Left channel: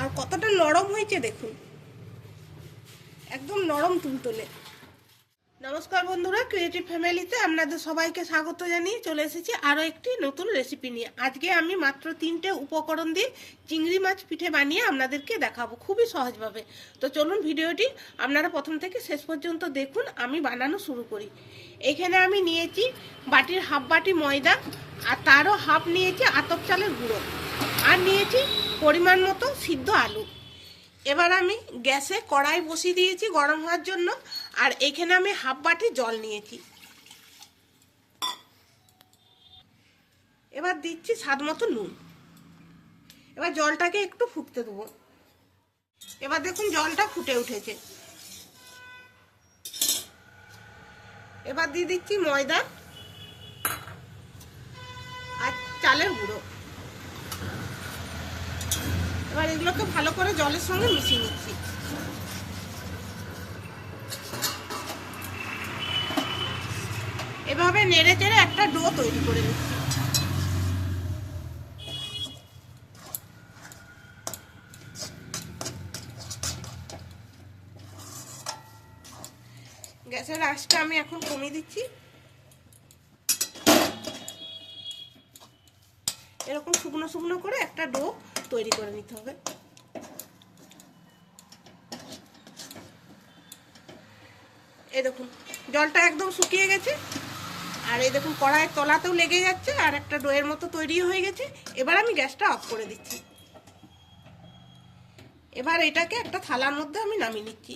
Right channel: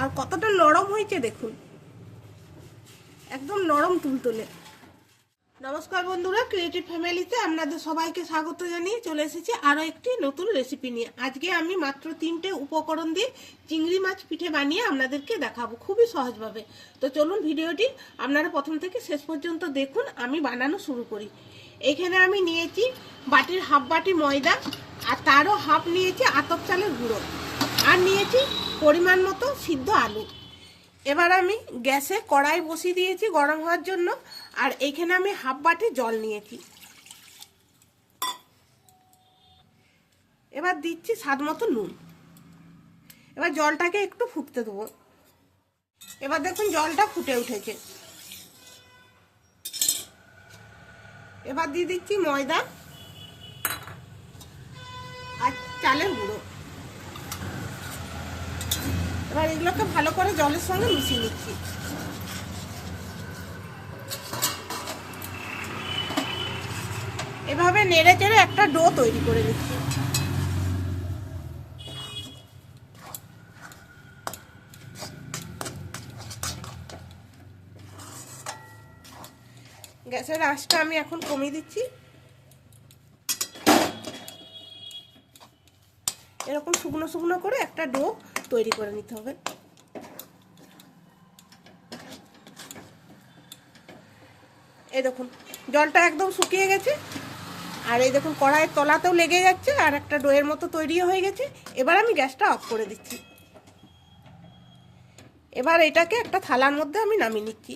আর কতটা নরম হয়েছে দেখুন। একদম নরম তুলতুলে। নমস্কার বন্ধুরা ক্রিয়েটিভ ফ্যামিলিতে আপনাদের সবাইকে স্বাগত জানিয়ে চলে এসেছি আরও একটি নতুন রেসিপি নিয়ে। আজকে আমি মাত্র তিনটে উপকরণ দিয়ে চিংড়ি মাছ পিঠে বানিয়ে আপনাদেরকে দেখাবো খুবই সহজভাবে। তো চলুন ভিডিওটি আপনারা প্রথম থেকে শেষ পর্যন্ত দেখুন, আমি বানানো শুরু করি। এখানে আমি নিয়েছি বাটির হাফ বাটি ময়দা আর তারও হাফ নিয়েছি আতপ চালের গুঁড়ো। আর নিয়েছি পরিমাণ মতো সিদ্ধ আলু। এবার আমি গ্যাসে কড়াই বসিয়ে দিয়েছি গরম হওয়ার জন্য, আর এখানে আমি হাফ বাটি জল নিয়েছি। এবার দিচ্ছি স্বাদ মতো নুন। এবার জলটাকে একটু ফুটতে দেবো। এবার দেখুন জলটা ফুটে উঠেছে। এবার দিয়ে দিচ্ছি ময়দা আর চালের গুঁড়ো এবার এগুলোকে ভালো করে জলের সঙ্গে মিশিয়ে নিচ্ছি। এভাবে নেড়ে চেড়ে একটা ডো তৈরি করে নিচ্ছি। গ্যাসের আঁচটা আমি এখন কমিয়ে দিচ্ছি। এরকম শুকনো শুকনো করে একটা ডো তৈরি করে নিতে হবে। এই দেখুন, জলটা একদম শুকিয়ে গেছে। আর এই দেখুন, কড়াইয়ের তলাতেও লেগে যাচ্ছে আর একটা ডোয়ের মতো তৈরিও হয়ে গেছে। এবার আমি গ্যাসটা অফ করে দিচ্ছি। এবার এটাকে একটা থালার মধ্যে আমি নামিয়ে নিচ্ছি।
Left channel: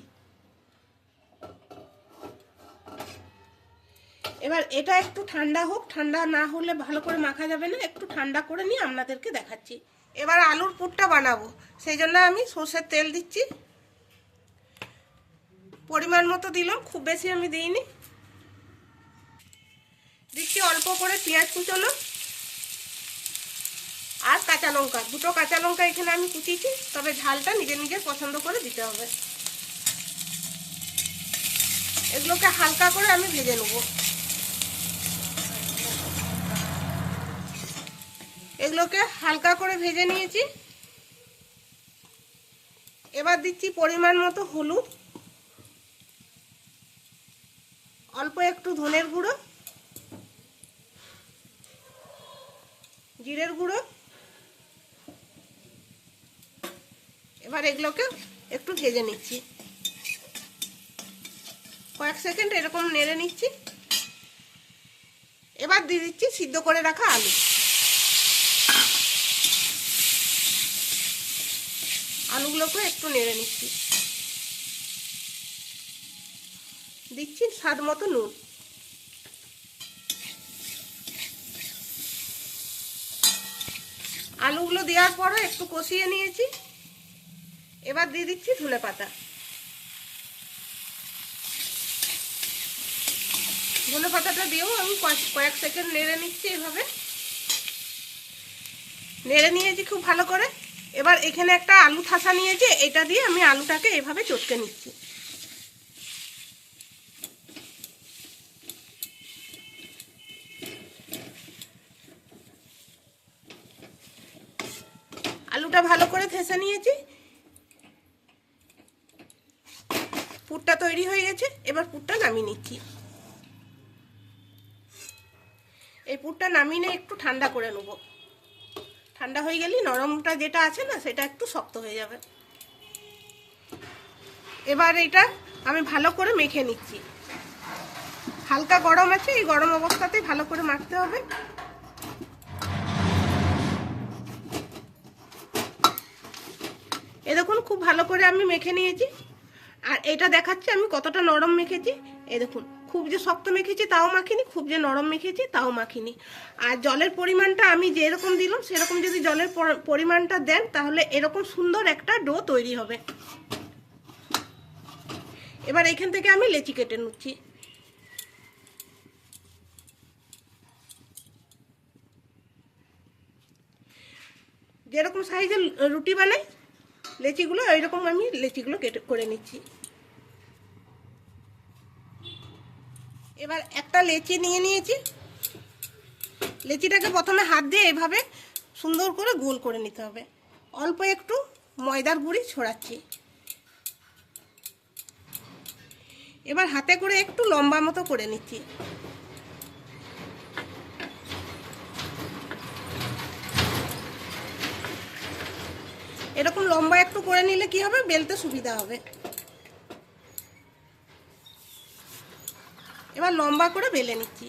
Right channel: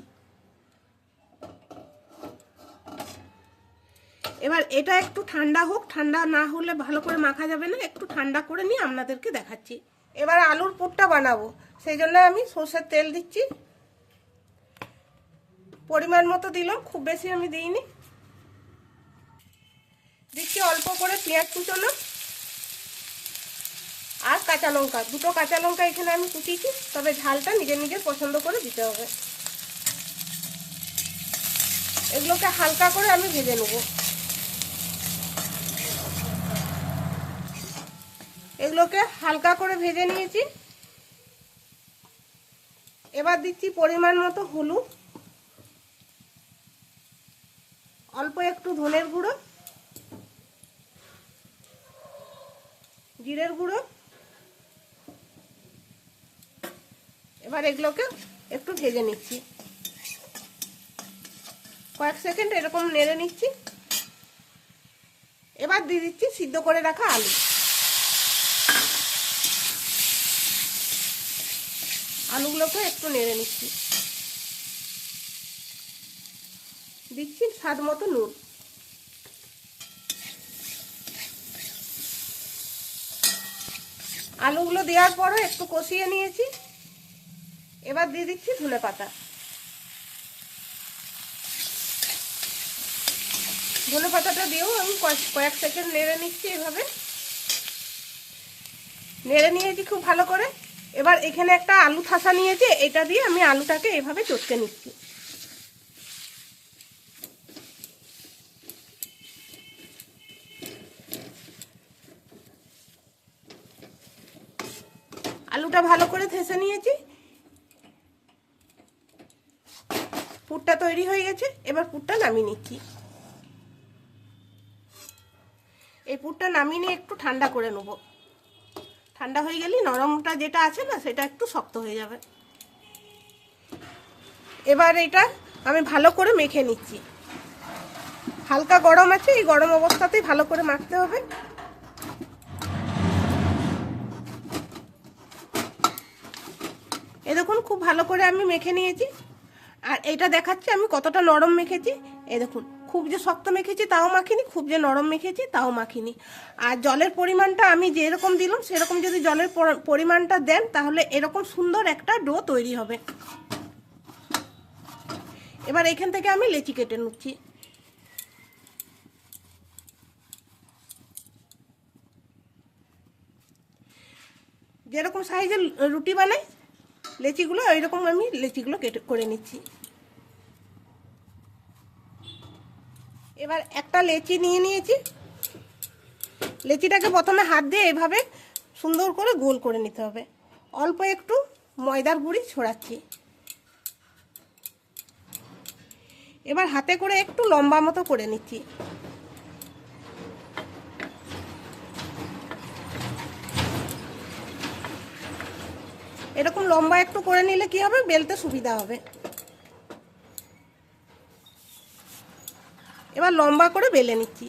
এবার এটা একটু ঠান্ডা হোক, ঠান্ডা না হলে ভালো করে মাখা যাবে না। একটু ঠান্ডা করে নিয়ে আপনাদেরকে দেখাচ্ছি। এবার আলুর পুরটা বানাবো। সেই জন্য আমি সর্ষের তেল দিচ্ছি। পরিমাণ মতো দিলাম, খুব বেশি আমি দিইনি। দিচ্ছি অল্প করে পেঁয়াজ কুচোনো আর কাঁচা লঙ্কা। দুটো কাঁচা লঙ্কা এখানে আমি কুচিয়েছি, তবে ঝালটা নিজের নিজের পছন্দ করে দিতে হবে। এগুলোকে হালকা করে আমি ভেজে নেব। এগুলোকে হালকা করে ভেজে নিয়েছি। এবার দিচ্ছি পরিমাণ মতো হলুদ। অল্প একটু ধনের গুঁড়ো। জিরের গুঁড়ো। এবার এগুলোকে একটু ভেজে নিচ্ছি। কয়েক সেকেন্ড এরকম নেড়ে নিচ্ছি। এবার দিয়ে দিচ্ছি সিদ্ধ করে রাখা আলু। আলুগুলোকে একটু নেড়ে নিচ্ছি। দিচ্ছি স্বাদ মতো নুন। আলুগুলো দেওয়ার পরও একটু কষিয়ে নিয়েছি। এবার দিয়ে দিচ্ছি ধনে পাতা। ধনে পাতাটা দিয়েও আমি কয়েক সেকেন্ড নেড়ে নিচ্ছি এভাবে। নেড়ে নিয়েছি খুব ভালো করে। এবার এখানে একটা আলু ঠাসা নিয়েছে, এটা দিয়ে আমি আলুটাকে এভাবে চটকে নিচ্ছি। আলুটা ভালো করে থেসে নিয়েছি। পুরটা তৈরি হয়ে গেছে, এবার পুরটা নামিয়ে নিচ্ছি। এই পুরটা নামিয়ে একটু ঠান্ডা করে নেব। ঠান্ডা হয়ে গেলে নরমটা যেটা আছে না, সেটা একটু শক্ত হয়ে যাবে। এবার এটা আমি ভালো করে মেখে নিচ্ছি। হালকা গরম আছে, এই গরম অবস্থাতেই ভালো করে মাখতে হবে। এ দেখুন, খুব ভালো করে আমি মেখে নিয়েছি। আর এটা দেখাচ্ছে আমি কতটা নরম মেখেছি। এ দেখুন। খুব যে শক্ত মেখেছি তাও মাখিনি, খুব যে নরম মেখেছি তাও মাখিনি। আর জলের পরিমাণটা আমি যেরকম দিলাম, সেরকম যদি জলের পরিমাণটা দেন, তাহলে এরকম সুন্দর একটা ডো তৈরি হবে। এবার এখান থেকে আমি লেচি কেটে নিচ্ছি। যেরকম সাইজের রুটি বানাই, লেচিগুলো, এইরকম আমি লেচিগুলো কেটে, করে নিচ্ছি। এবার একটা লেচি নিয়ে নিয়েছি। লেচিটাকে প্রথমে হাত দিয়ে এভাবে সুন্দর করে গোল করে নিতে হবে। অল্প একটু ময়দার গুঁড়ি ছড়াচ্ছি। এবার হাতে করে একটু লম্বা মতো করে নিচ্ছি। এরকম লম্বা একটু করে নিলে কি হবে? বেলতে সুবিধা হবে। এবার লম্বা করে বেলে নিচ্ছি।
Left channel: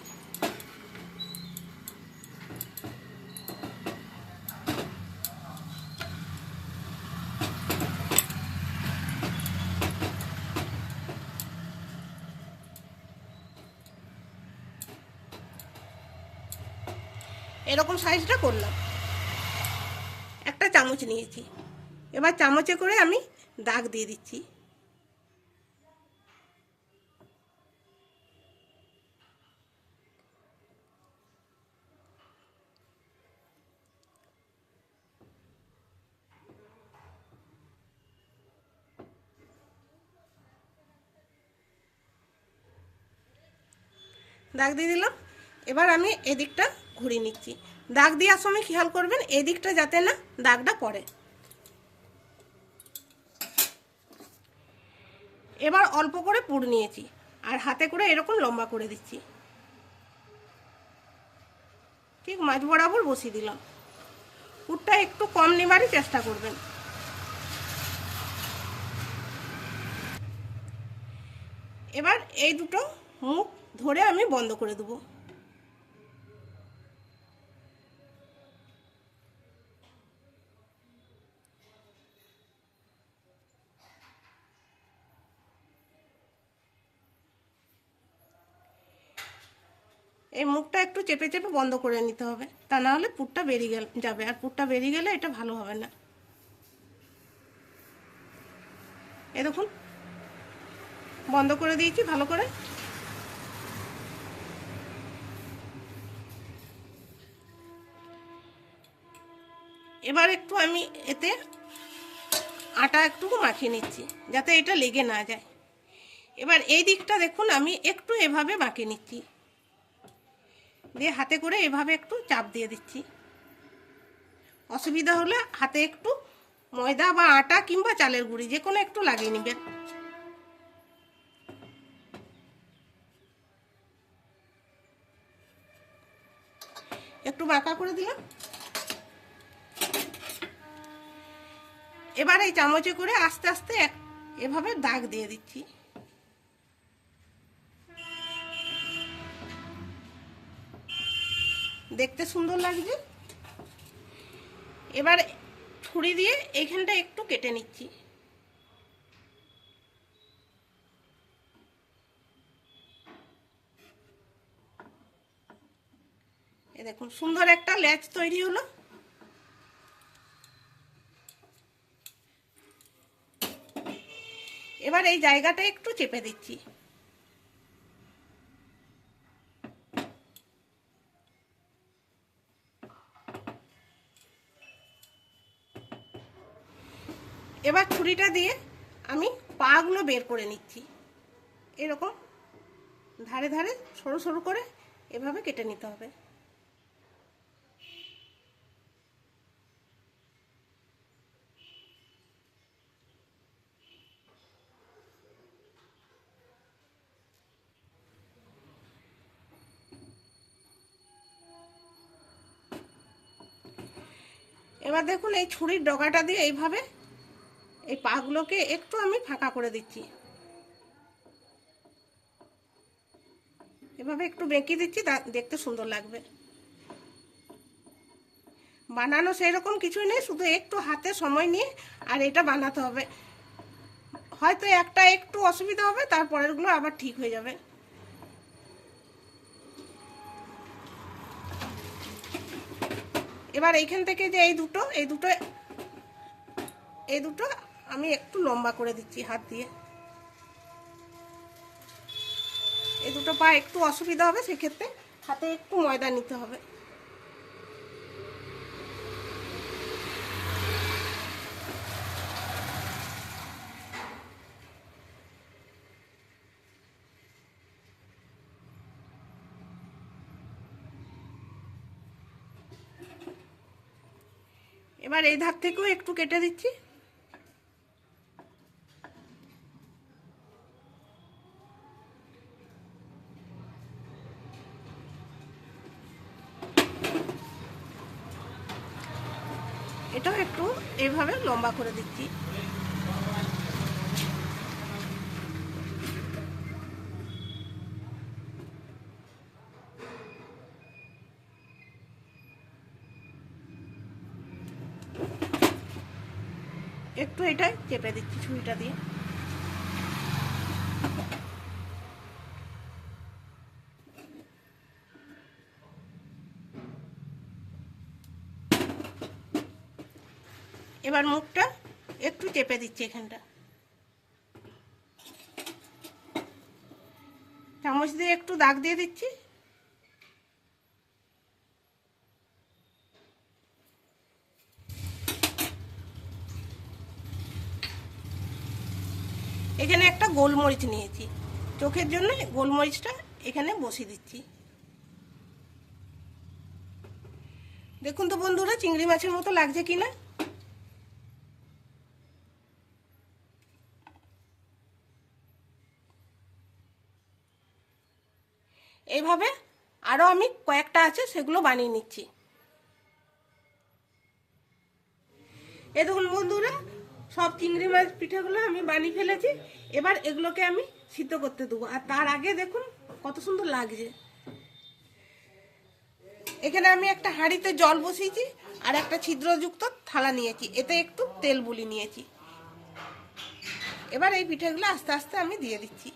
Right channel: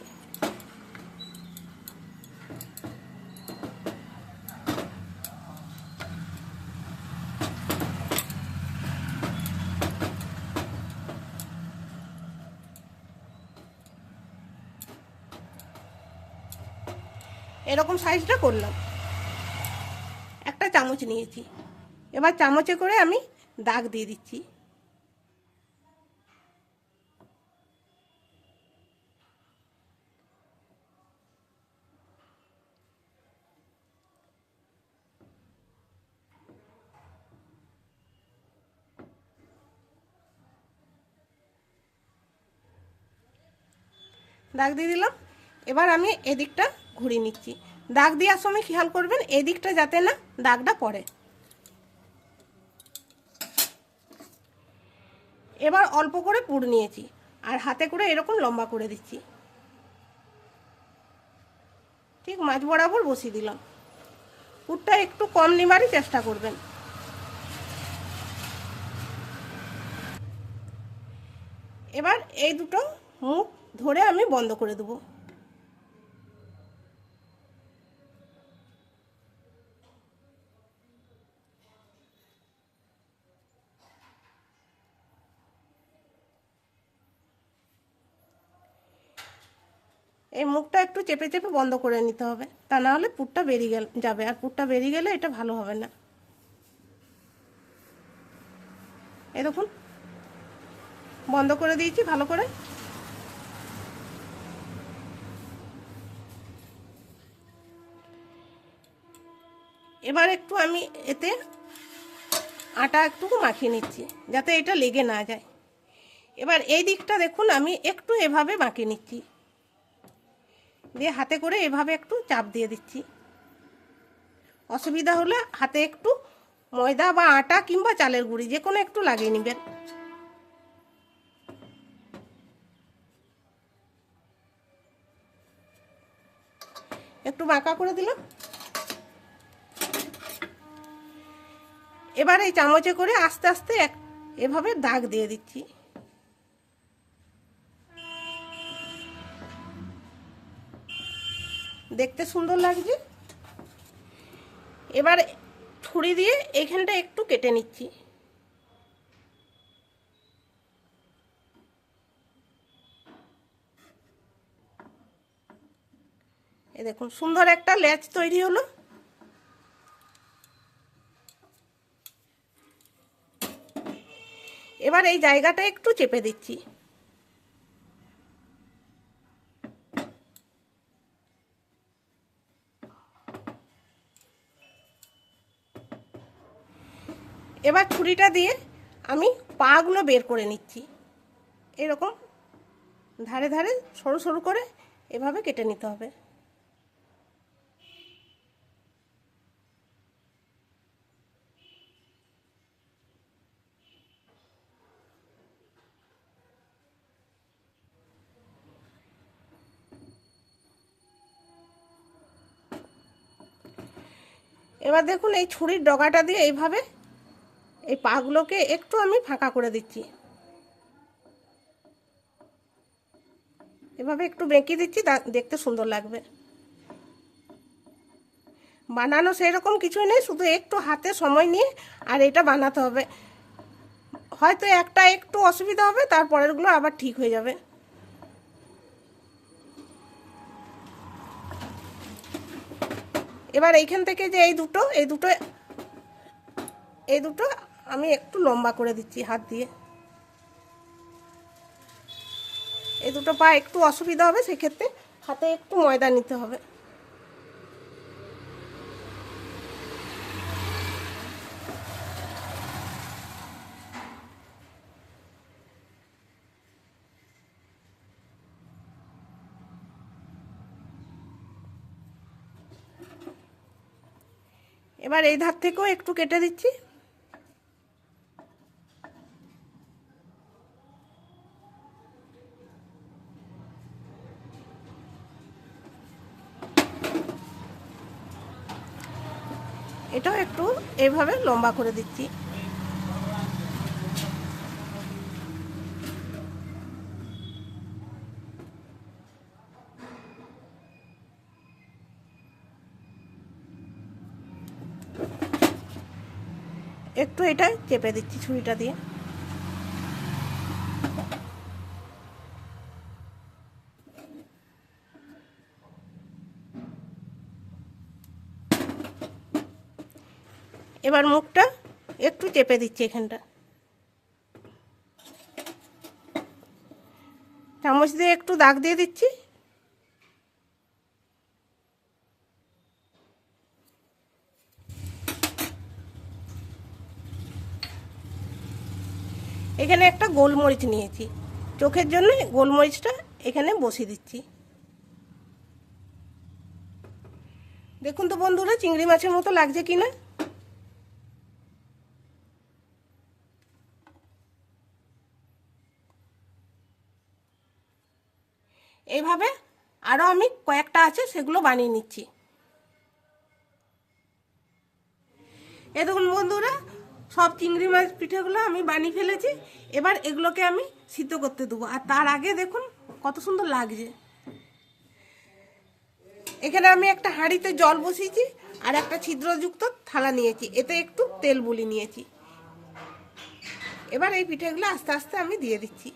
এরকম সাইজটা করলাম। একটা চামচ নিয়েছি। এবার চামচে করে আমি দাগ দিয়ে দিচ্ছি। দাগ দিয়ে দিলাম। এবার আমি এদিকটা ঘুরিয়ে নিচ্ছি। দাগ দেওয়ার সময় খেয়াল করবেন, এদিকটা যাতে না দাগটা পড়ে। এবার অল্প করে পুর নিয়েছি আর হাতে করে এরকম লম্বা করে দিচ্ছি। ঠিক মাছ বরাবর বসিয়ে দিলাম। পুরটা একটু কম নেবারই চেষ্টা করবেন। এবার এই দুটো মুখ ধরে আমি বন্ধ করে দেবো। এই মুখটা একটু চেপে চেপে বন্ধ করে নিতে হবে, তা না হলে পুরটা বেরিয়ে গেল, যাবে। আর পুরটা বেরিয়ে গেলে এটা ভালো হবে না। এ দেখুন, বন্ধ করে দিয়েছি ভালো করে। এবার একটু আমি এতে আটা একটু মাখিয়ে নিচ্ছি, যাতে এটা লেগে না যায়। এবার এই দিকটা দেখুন, আমি একটু এভাবে মাখিয়ে নিচ্ছি। দিয়ে হাতে করে এভাবে একটু চাপ দিয়ে দিচ্ছি। অসুবিধা হলে হাতে একটু ময়দা বা আটা কিংবা চালের গুঁড়ি, যে কোনো একটু লাগিয়ে নেবেন। একটু বাঁকা করে দিলাম। এবার এই চামচে করে আস্তে আস্তে এক- এভাবে দাগ দিয়ে দিচ্ছি। দেখতে সুন্দর লাগছে। এবার ছুরি দিয়ে এইখানটা একটু কেটে নিচ্ছি। এই দেখুন, সুন্দর একটা লেজ তৈরি হলো। এবার এই জায়গাটা একটু চেপে দিচ্ছি। এবার ছুরিটা দিয়ে আমি পাগুলো বের করে নিচ্ছি। এরকম ধারে ধারে সরু সরু করে এভাবে কেটে নিতে হবে। এবার দেখুন এই ছুরির ডগাটা দিয়ে এইভাবে এই পাগুলোকে একটু আমি ফাঁকা করে দিচ্ছি। এভাবে একটু বেঁকে দিচ্ছি দেখতে সুন্দর লাগবে। বানানো সেরকম কিছুই নেই, শুধু একটু হাতে সময় নিয়ে আর এটা বানাতে হবে। হয়তো একটা একটু অসুবিধা হবে, তারপরেরগুলো আবার ঠিক হয়ে যাবে। এবার এইখান থেকে যে এই দুটো এই দুটো এই দুটো আমি একটু লম্বা করে দিচ্ছি হাত দিয়ে। এই দুটো পা একটু অসুবিধা হবে, সেক্ষেত্রে হাতে একটু ময়দা নিতে হবে। এবার এই ধার থেকেও একটু কেটে দিচ্ছি। এটাও একটু এভাবে লম্বা করে দিচ্ছি। একটু এটা চেপে দিচ্ছি ছুরিটা দিয়ে। এবার মুখটা একটু চেপে দিচ্ছি এখানটা। চামচ দিয়ে একটু দাগ দিয়ে দিচ্ছি। এখানে একটা গোলমরিচ নিয়েছি। চোখের জন্য গোলমরিচটা এখানে বসিয়ে দিচ্ছি। দেখুন তো বন্ধুরা, চিংড়ি মাছের মতো লাগছে কিনা এইভাবে আরও আমি কয়েকটা আছে, সেগুলো বানিয়ে নিচ্ছি। এ দেখুন বন্ধুরা সব চিংড়ি মাছ পিঠেগুলো আমি বানিয়ে ফেলেছি। এবার এগুলোকে আমি সিদ্ধ করতে দেবো। আর তার আগে দেখুন কত সুন্দর লাগছে। এখানে আমি একটা হাঁড়িতে জল বসিয়েছি আর একটা ছিদ্রযুক্ত থালা নিয়েছি। এতে একটু তেল বুলি নিয়েছি। এবার এই পিঠেগুলো আস্তে আস্তে আমি দিয়ে দিচ্ছি।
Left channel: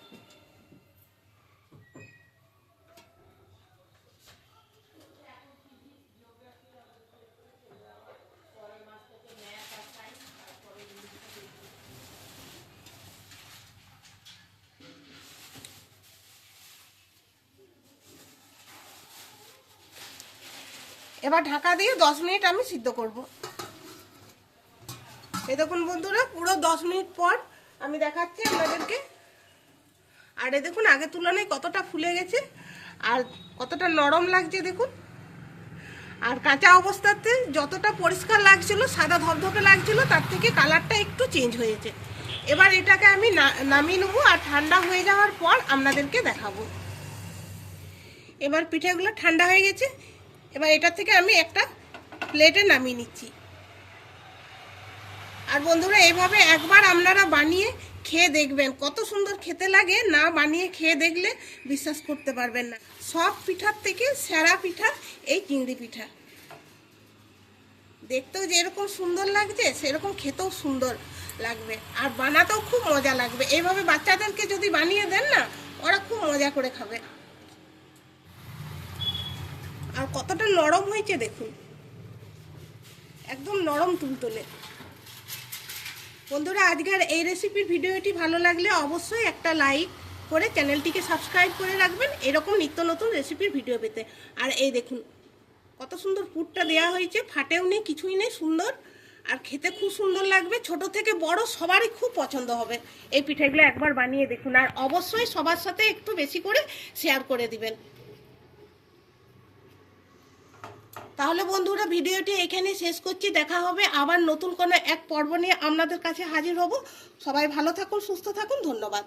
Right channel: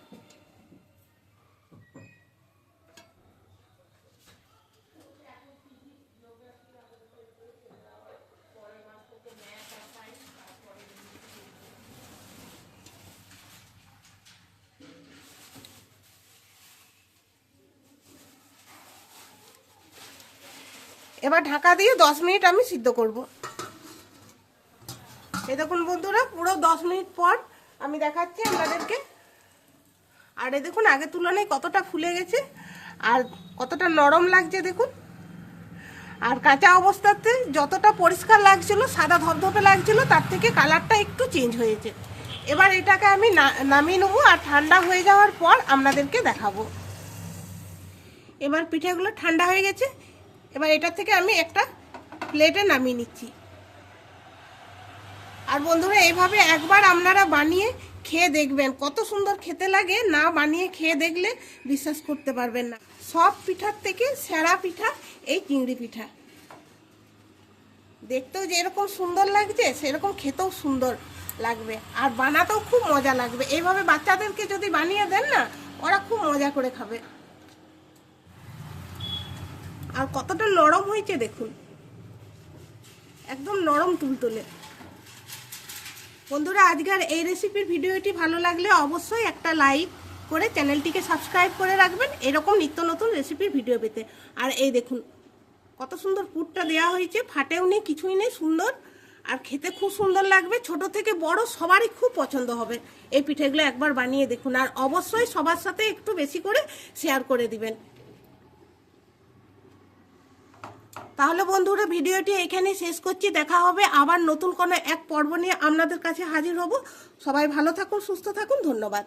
এবার ঢাকা দিয়ে দশ মিনিট আমি সিদ্ধ করব। এই দেখুন বন্ধুরা, পুরো দশ মিনিট পর আমি দেখাচ্ছি আপনাদেরকে। আর এ দেখুন, আগের তুলনায় কতটা ফুলে গেছে আর কতটা নরম লাগছে দেখুন। আর কাঁচা অবস্থাতে যতটা পরিষ্কার লাগছিল, সাদা ধপধপে লাগছিল, তার থেকে কালারটা একটু চেঞ্জ হয়েছে। এবার এটাকে আমি নামিয়ে নেব আর ঠান্ডা হয়ে যাওয়ার পর আপনাদেরকে দেখাবো। এবার পিঠেগুলো ঠান্ডা হয়ে গেছে। এবার এটা থেকে আমি একটা প্লেটে নামিয়ে নিচ্ছি। আর বন্ধুরা, এভাবে একবার আপনারা বানিয়ে খেয়ে দেখবেন। কত সুন্দর খেতে লাগে, না বানিয়ে খেয়ে দেখলে বিশ্বাস করতে পারবেন না। সব পিঠার থেকে সেরা পিঠা এই চিংড়ি পিঠা। দেখতেও যেরকম সুন্দর লাগছে, সেরকম খেতেও সুন্দর লাগবে। আর বানাতেও খুব মজা লাগবে। এইভাবে বাচ্চাদেরকে যদি বানিয়ে দেন না, ওরা খুব মজা করে খাবে। আর কতটা নরম হয়েছে দেখুন। একদম নরম তুলতুলে। বন্ধুরা, আজকের এই রেসিপির ভিডিওটি ভালো লাগলে অবশ্যই একটা লাইক করে চ্যানেলটিকে সাবস্ক্রাইব করে রাখবেন। এরকম নিত্য নতুন রেসিপির ভিডিও পেতে। আর এই দেখুন, কত সুন্দর পুরটা দেওয়া হয়েছে। ফাটেও নেই, কিছুই নেই, সুন্দর। আর খেতে খুব সুন্দর লাগবে। ছোট থেকে বড় সবারই খুব পছন্দ হবে। এই পিঠেগুলো একবার বানিয়ে দেখুন। আর অবশ্যই সবার সাথে একটু বেশি করে শেয়ার করে দিবেন। তাহলে বন্ধুরা ভিডিওটি এখানে শেষ করছি। দেখা হবে আবার নতুন কোনো এক পর্ব নিয়ে আপনাদের কাছে হাজির হব। সবাই ভালো থাকুন, সুস্থ থাকুন, ধন্যবাদ।